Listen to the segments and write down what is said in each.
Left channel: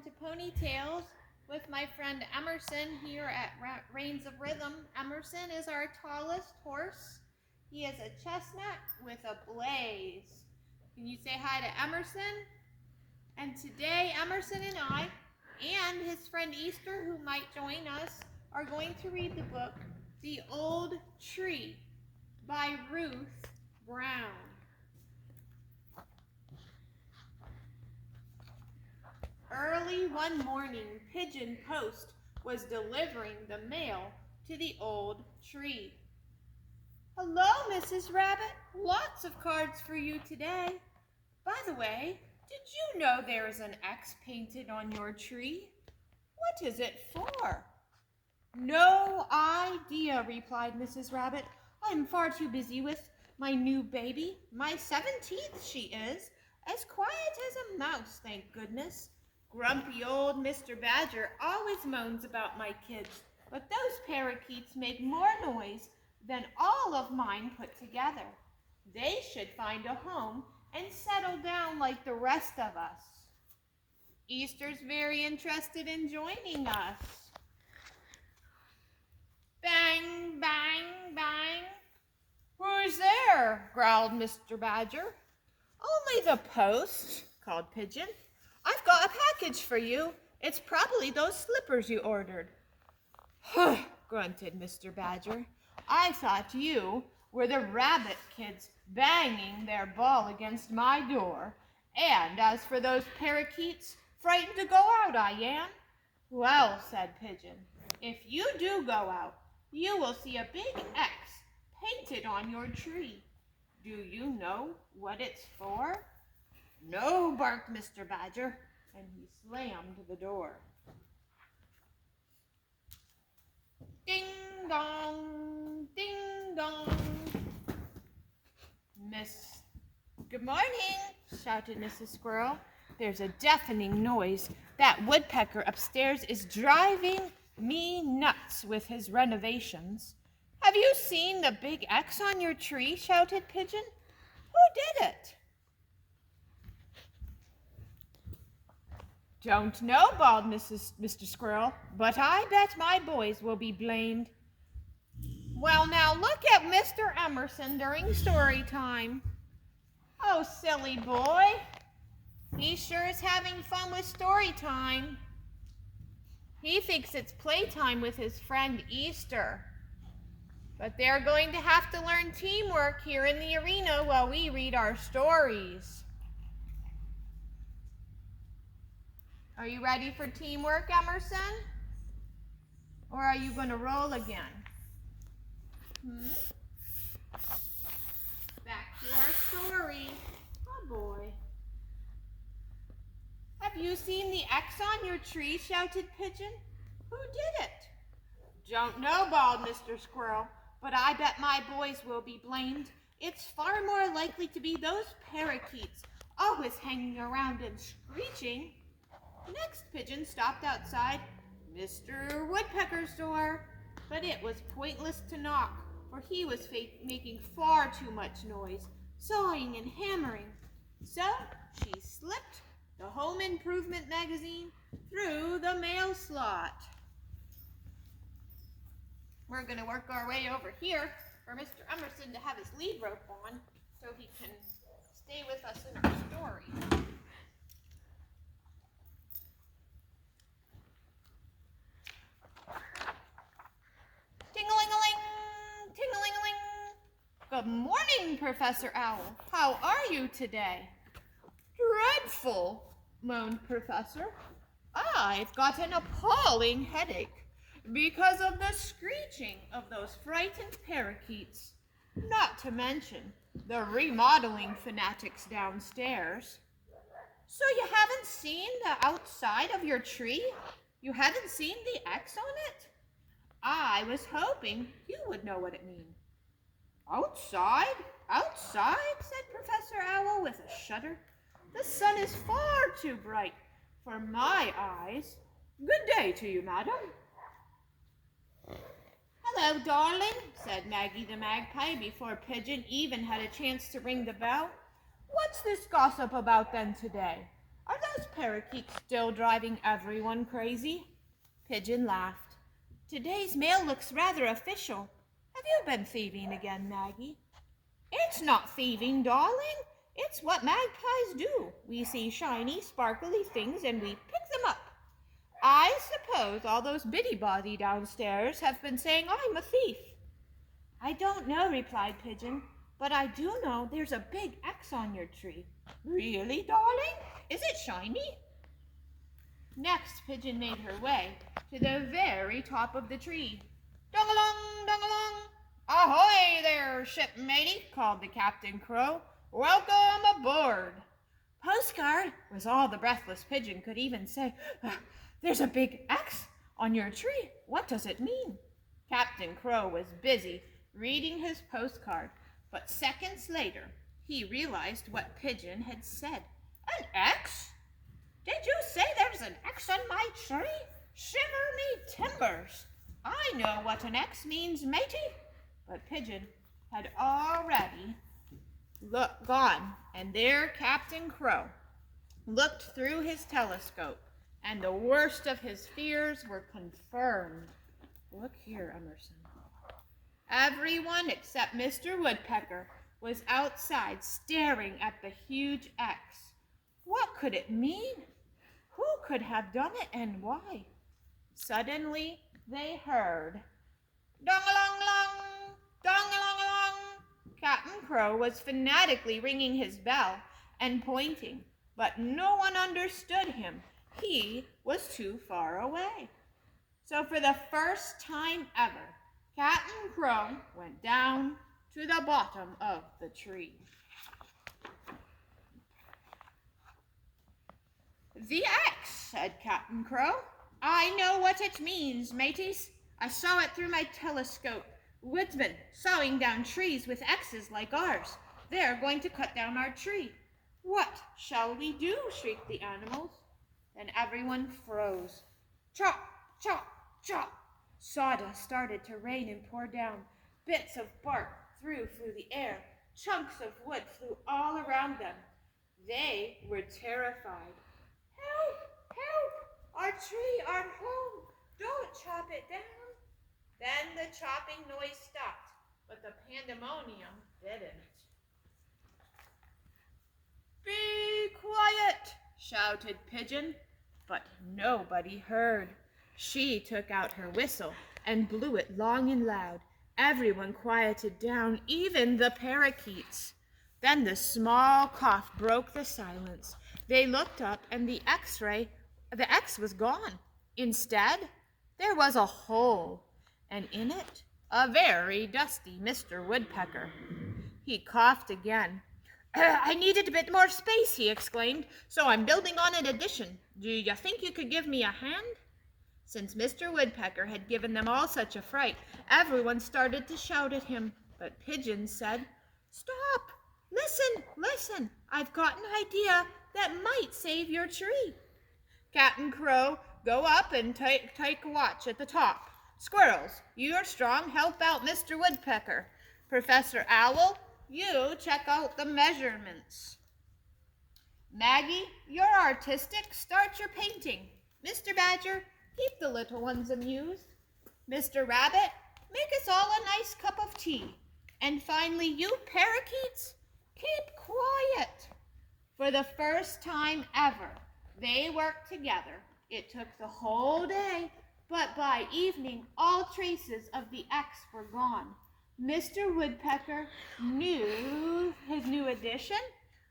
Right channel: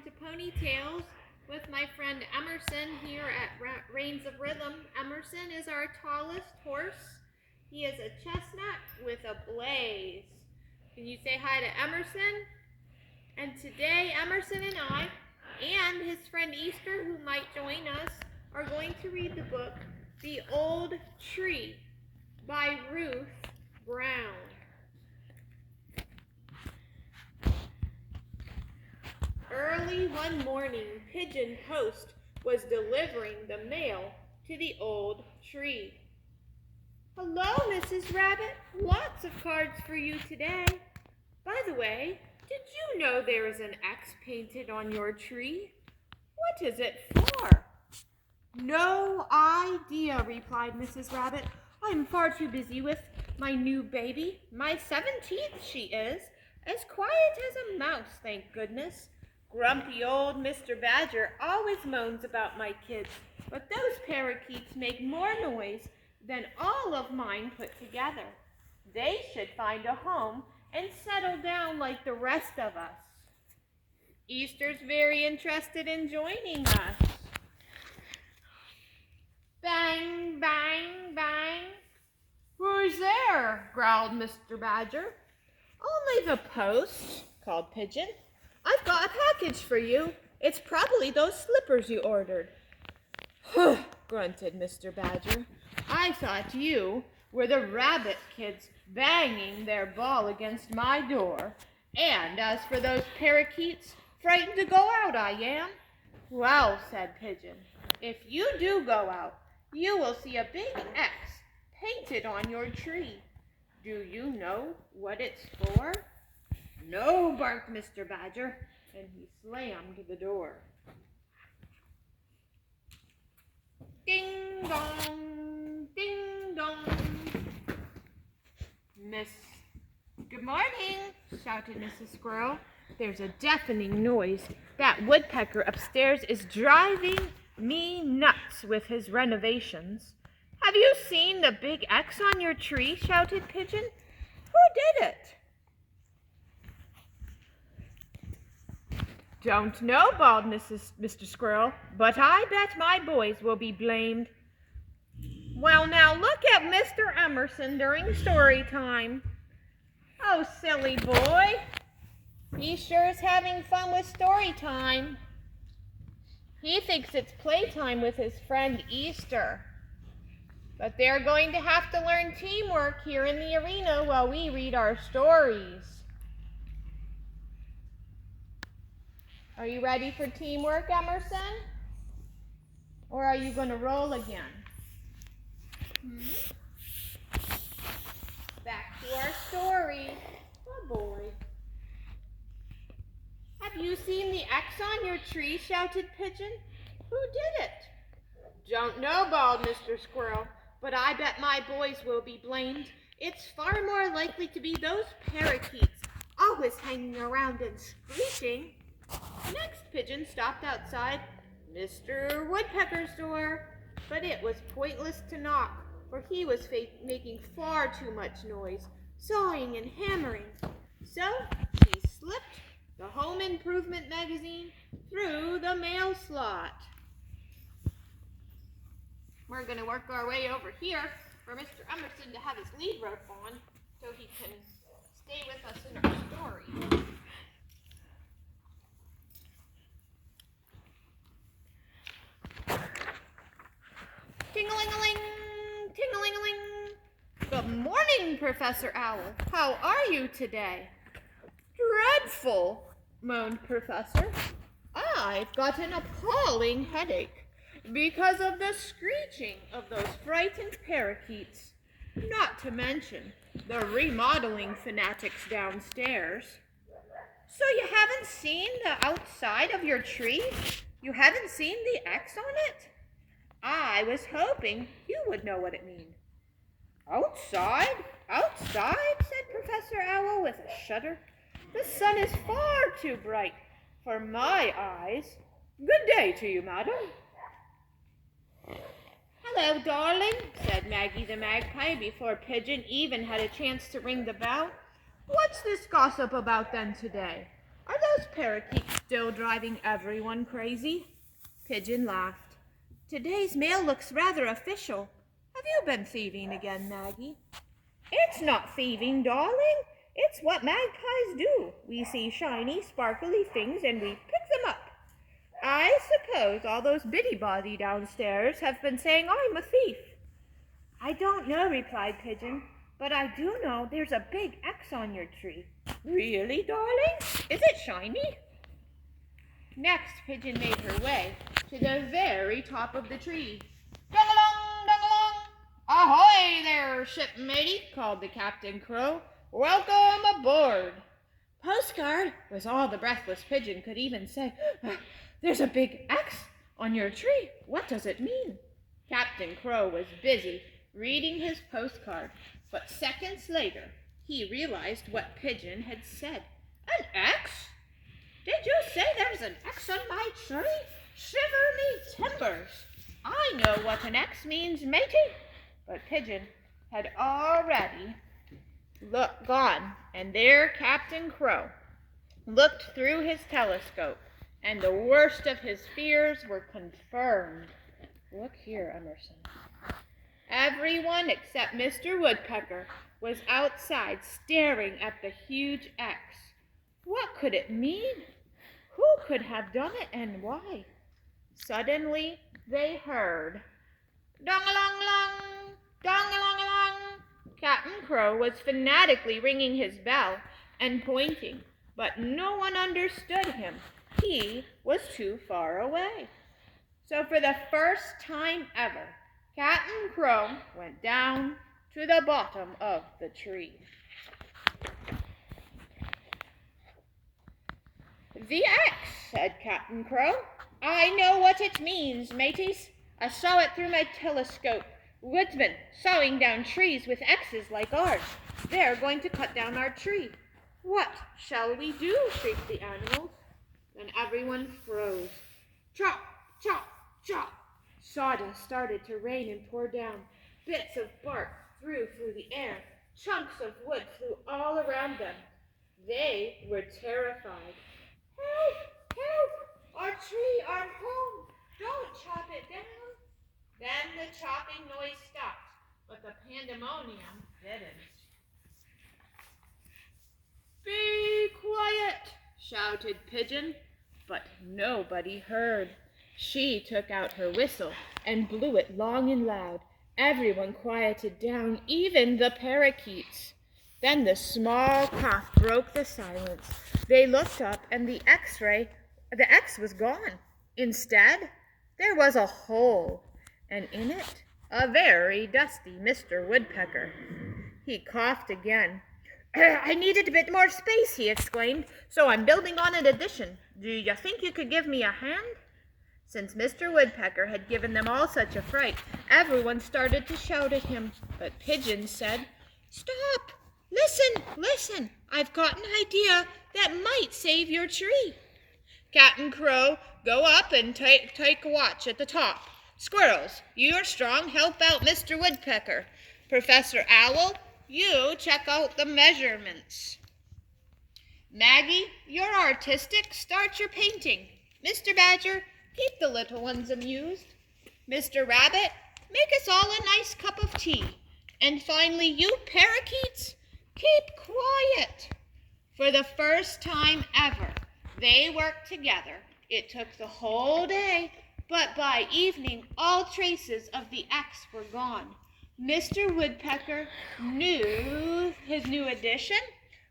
welcome to Ponytails with my friend Emerson here at Reigns of Rhythm. Emerson is our tallest horse. He is a chestnut with a blaze. Can you say hi to Emerson? And today Emerson and I and his friend Easter, who might join us, are going to read the book The Old Tree by Ruth Brown. Early one morning, Pigeon Post was delivering the mail to the old tree. Hello, Mrs. Rabbit. Lots of cards for you today. By the way, did you know there is an X painted on your tree? What is it for? No idea, replied Mrs. Rabbit. I'm far too busy with my new baby. My 17th she is, as quiet as a mouse, thank goodness. Grumpy old Mr. Badger always moans about my kids, but those parakeets make more noise than all of mine put together. They should find a home and settle down like the rest of us. Easter's very interested in joining us. Bang, bang, bang. Who's there? Growled Mr. Badger. Only the post, called Pigeon. I've got a package for you. It's probably those slippers you ordered. Grunted Mr. Badger. I thought you were the rabbit kids banging their ball against my door. And as for those parakeets, frightened to go out, I am. Well, said Pigeon, if you do go out, you will see a big X painted on your tree. Do you know what it's for? No, barked Mr. Badger, and he slammed the door. Ding dong, ding dong. Good morning, shouted Mrs. Squirrel. There's a deafening noise. That woodpecker upstairs is driving me nuts with his renovations. Have you seen the big X on your tree? Shouted Pigeon. Who did it? Don't know, bawled Mr. Squirrel, but I bet my boys will be blamed. Well, now look at Mr. Emerson during story time. Oh, silly boy. He sure is having fun with story time. He thinks it's playtime with his friend Easter. But they're going to have to learn teamwork here in the arena while we read our stories. Are you ready for teamwork, Emerson? Or are you going to roll again? Back to our story. Oh boy. Have you seen the X on your tree? Shouted Pigeon. Who did it? Don't know, bawled Mr. Squirrel, but I bet my boys will be blamed. It's far more likely to be those parakeets, always hanging around and screeching. Next, Pigeon stopped outside Mr. Woodpecker's door, but it was pointless to knock, for he was making far too much noise, sawing and hammering. So she slipped the Home Improvement magazine through the mail slot. We're going to work our way over here for Mr. Emerson to have his lead rope on so he can stay with us in our story. Ting-a-ling-a-ling, ting-a-ling-a-ling. Good morning, Professor Owl. How are you today? Dreadful, moaned Professor. I've got an appalling headache because of the screeching of those frightened parakeets, not to mention the remodeling fanatics downstairs. So you haven't seen the outside of your tree? You haven't seen the X on it? I was hoping you would know what it means. Outside? Outside? Said Professor Owl with a shudder. The sun is far too bright for my eyes. Good day to you, madam. Hello, darling, said Maggie the Magpie before Pigeon even had a chance to ring the bell. What's this gossip about then today? Are those parakeets still driving everyone crazy?" Pigeon laughed. "Today's mail looks rather official. Have you been thieving again, Maggie?" "It's not thieving, darling. It's what magpies do. We see shiny, sparkly things and we pick them up. I suppose all those biddy-body downstairs have been saying I'm a thief." "I don't know," replied Pigeon, "but I do know there's a big X on your tree." "Really, darling? Is it shiny?" Next, Pigeon made her way to the very top of the tree. "Dong-along, dong-along! Ahoy there, shipmatey!" called the Captain Crow. "Welcome aboard." "Postcard," was all the breathless Pigeon could even say. "There's a big X on your tree. What does it mean?" Captain Crow was busy reading his postcard, but seconds later he realized what Pigeon had said. "An X? Did you say there's an X on my tree? Shiver me timbers! I know what an X means, matey." But Pigeon had already gone, and there Captain Crow looked through his telescope, and the worst of his fears were confirmed. Look here, Emerson. Everyone except Mr. Woodpecker was outside staring at the huge X. What could it mean? Who could have done it and why? Suddenly they heard, "Dong-along-along, dong-along-along." Captain Crow was fanatically ringing his bell and pointing, but no one understood him. He was too far away. So for the first time ever, Captain Crow went down to the bottom of the tree. "The X," said Captain Crow. "I know what it means, mateys. I saw it through my telescope. Woodsmen sawing down trees with X's like ours. They're going to cut down our tree." "What shall we do?" shrieked the animals. Then everyone froze. Chop, chop, chop. Sawdust started to rain and pour down. Bits of bark flew through the air. Chunks of wood flew all around them. They were terrified. "Help! Help! Our tree, our home! Don't chop it down!" Then the chopping noise stopped, but the pandemonium didn't. "Be quiet!" shouted Pigeon, but nobody heard. She took out her whistle and blew it long and loud. Everyone quieted down, even the parakeets. Then the small cough broke the silence. They looked up and the X was gone. Instead, there was a hole, and in it, a very dusty Mr. Woodpecker. He coughed again. "I needed a bit more space," he exclaimed, "so I'm building on an addition. Do you think you could give me a hand?" Since Mr. Woodpecker had given them all such a fright, everyone started to shout at him. But Pigeon said, "Stop! Listen, listen! I've got an idea that might save your tree." "Captain Crow, go up and take a watch at the top. Squirrels, you're strong. Help out Mr. Woodpecker. Professor Owl, you check out the measurements. Maggie, you're artistic. Start your painting. Mr. Badger, keep the little ones amused. Mr. Rabbit, make us all a nice cup of tea. And finally, you parakeets, keep quiet." For the first time ever, they worked together. It took the whole day, but by evening, all traces of the X were gone. Mr. Woodpecker knew his new addition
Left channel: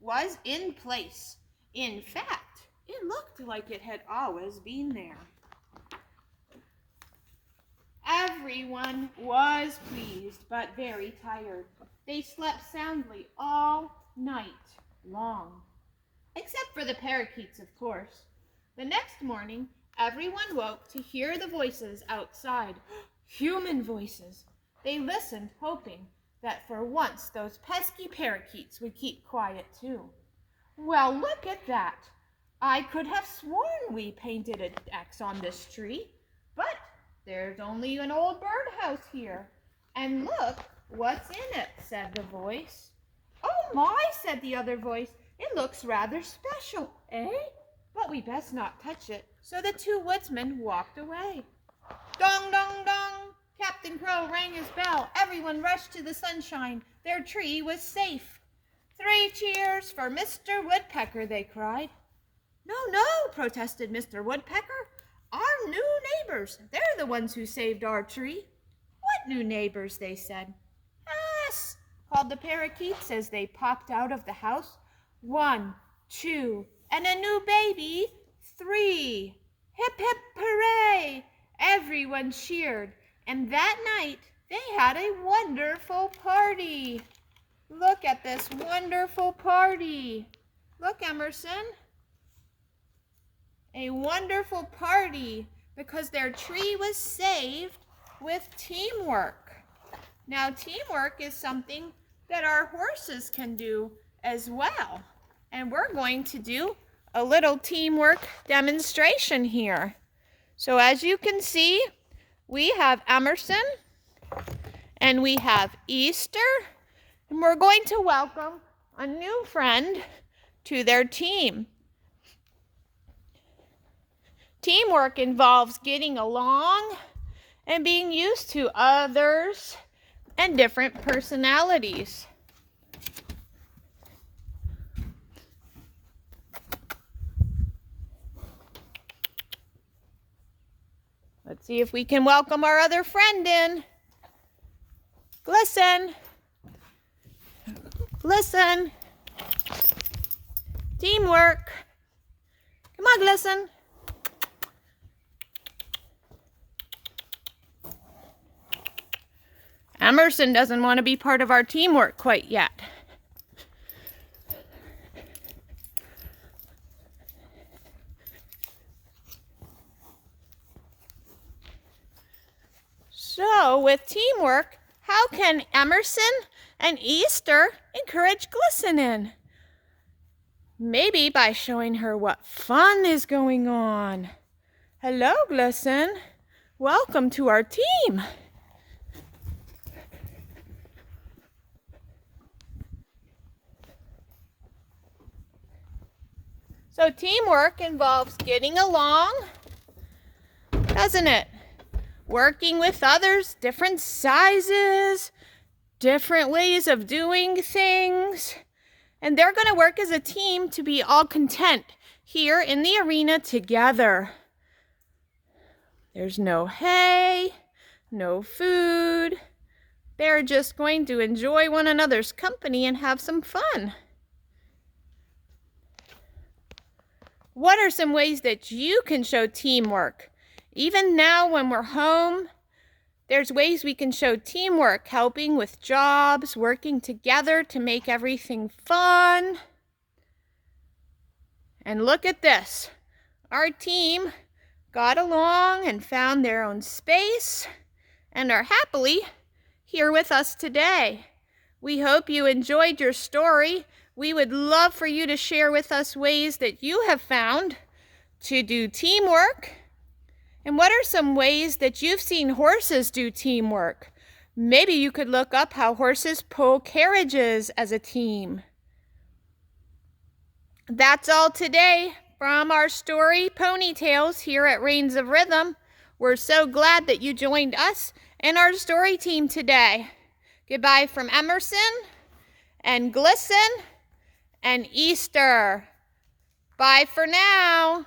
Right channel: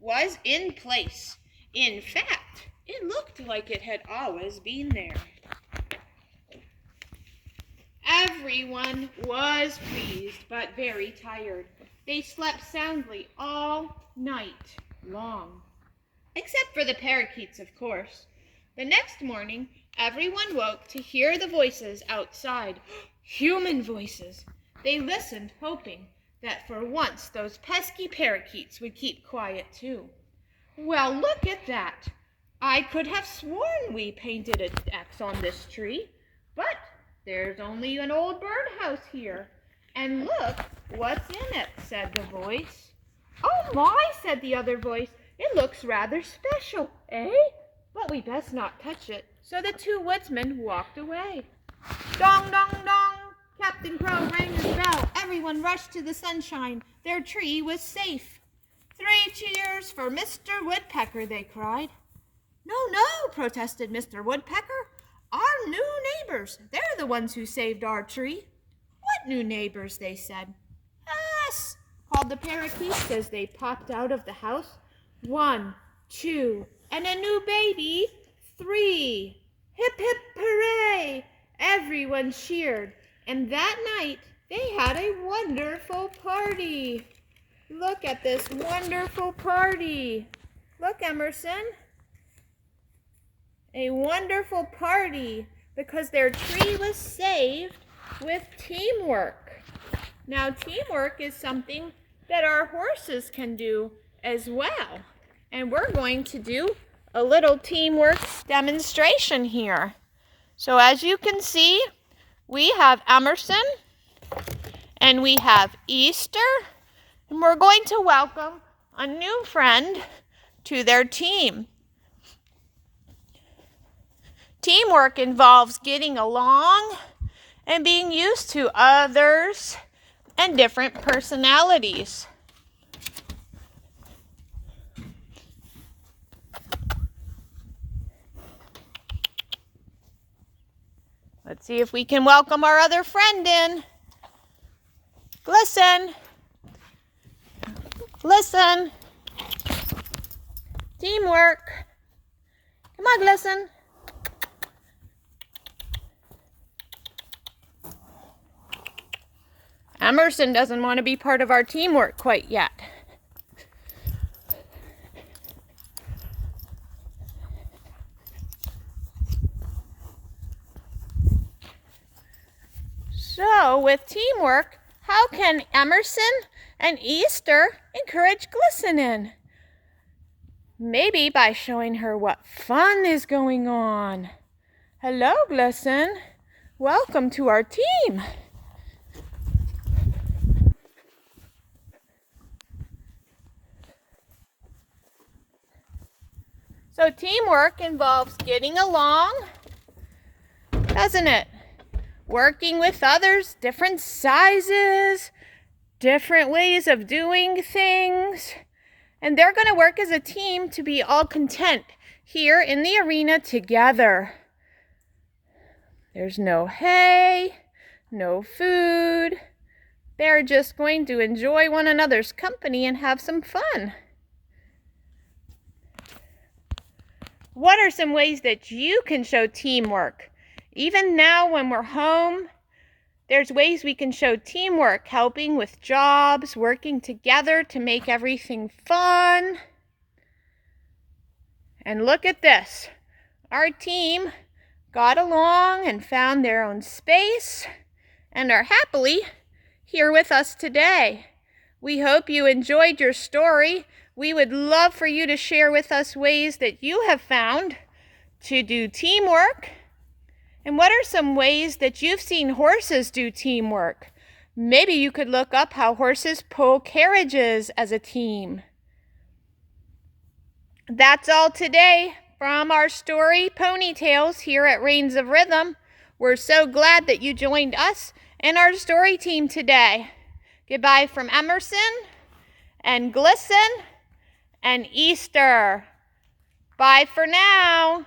was in place. In fact, it looked like it had always been there. Everyone was pleased, but very tired. They slept soundly all night long. Except for the parakeets, of course. The next morning, everyone woke to hear the voices outside. Human voices. They listened, hoping that for once those pesky parakeets would keep quiet too. "Well, look at that. I could have sworn we painted an X on this tree, but there's only an old birdhouse here. And look what's in it," said the voice. "Oh my," said the other voice. "It looks rather special, eh? we best not touch it. So the two woodsmen walked away. Dong, dong, dong! Captain Crow rang his bell. Everyone rushed to the sunshine. Their tree was safe. 3 cheers for Mr. Woodpecker, they cried. No, no, protested Mr. Woodpecker. Our new neighbors. They're the ones who saved our tree. What new neighbors, they said. Us, called the parakeets as they popped out of the house. 1, 2, and a new baby, 3. Hip, hip, hooray! Everyone cheered, and that night they had a wonderful party. Look at this wonderful party. Look, Emerson. A wonderful party because their tree was saved with teamwork. Now, teamwork is something that our horses can do as well. And we're going to do a little teamwork demonstration here. So as you can see, we have Emerson and we have Easter, and we're going to welcome a new friend to their team. Teamwork involves getting along and being used to others and different personalities. Let's see if we can welcome our other friend in. Glisten. Glisten. Teamwork. Come on, Glisten. Emerson doesn't want to be part of our teamwork quite yet. So, with teamwork, how can Emerson and Easter encourage Glisten in? Maybe by showing her what fun is going on. Hello, Glisten. Welcome to our team. So teamwork involves getting along, doesn't it? Working with others, different sizes, different ways of doing things. And they're going to work as a team to be all content here in the arena together. There's no hay, no food. They're just going to enjoy one another's company and have some fun. What are some ways that you can show teamwork? Even now when we're home, there's ways we can show teamwork, helping with jobs, working together to make everything fun. And look at this. Our team got along and found their own space and are happily here with us today. We hope you enjoyed your story. We would love for you to share with us ways that you have found to do teamwork. And what are some ways that you've seen horses do teamwork? Maybe you could look up how horses pull carriages as a team. That's all today from our story, Ponytails, here at Reins of Rhythm. We're so glad that you joined us and our story team today. Goodbye from Emerson and Glisten and Easter. Bye for now.